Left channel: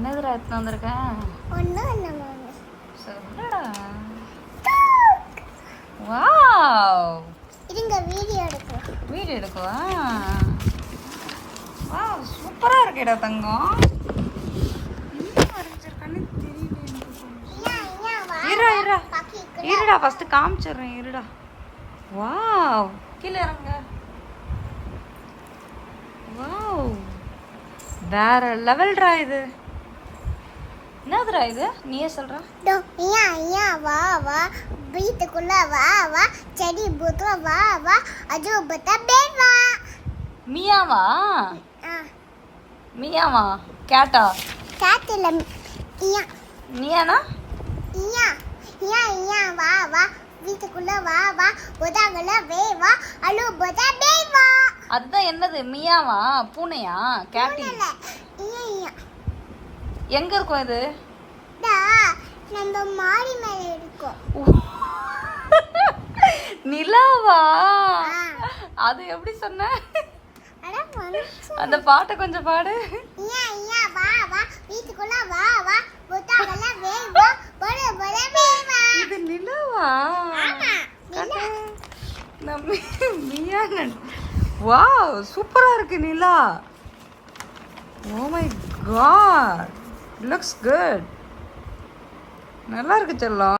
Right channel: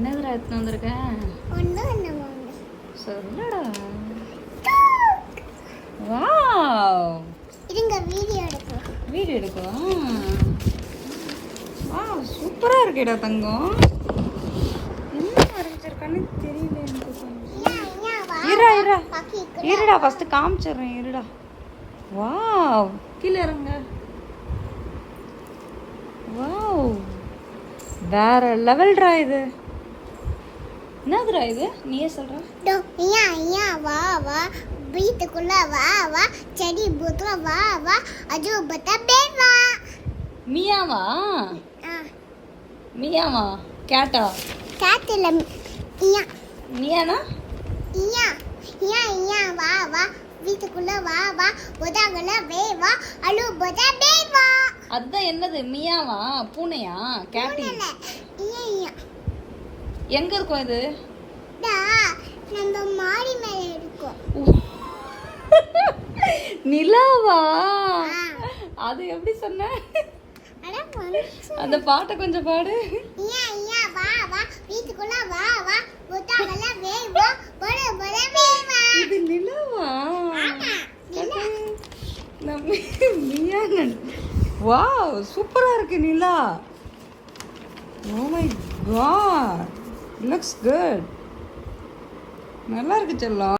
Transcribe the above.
என்னதுடா எடுத்து வந்திருக்கேன்? ஒன்றும் இல்லை மாமி. சொல்லடா. வாவ், இருங்க வீடியோ எடுப்போம். வீடியோ எடுக்கவா? வாவ், சூப்பரா இருக்கேடா தங்கம். என்ன வரைஞ்சிருக்கான்னு தெரியல எனக்கு. இருடா ஃபர்ஸ்ட் காமிச்சிடுறேன். இருடா. வாவ், கீழே இறங்க. வாவ், வேற லெவல்டா இது. என்னதுடா இது? நீயே சொல்ற. வா வா வீட்டுக்குள்ள வா வா செடி பூத்துல வா வா அஜு பத்தா பேர் வா. மியாவா? மியாவா? கேட்டா? கேட் இல்ல இயா. மியானா? இயா இயா இயா வா வா வீட்டுக்குள்ள வா வா போதாங்கல வே வா அலு பத்தா பேர் வா. அதுதான் என்னது? மியாவா? பூனையா? கேட் இல்ல இயா இயா. எங்க இருக்கும் இது? நம்ம மாடி மேல இருக்கும். நிலாவா? அது எப்படி சொன்ன? அந்த பாட்டை கொஞ்சம் பாடு. இயா இயா வா வா வீட்டுக்குள்ள வா வா போதாங்கல வே வா போடு போடு வே வா. இது நிலாவா? ஆமா நிலா. மியானா? வாவ், சூப்பரா இருக்கு Nila. Oh my god, looks good. நல்லா இருக்கு செல்லம்.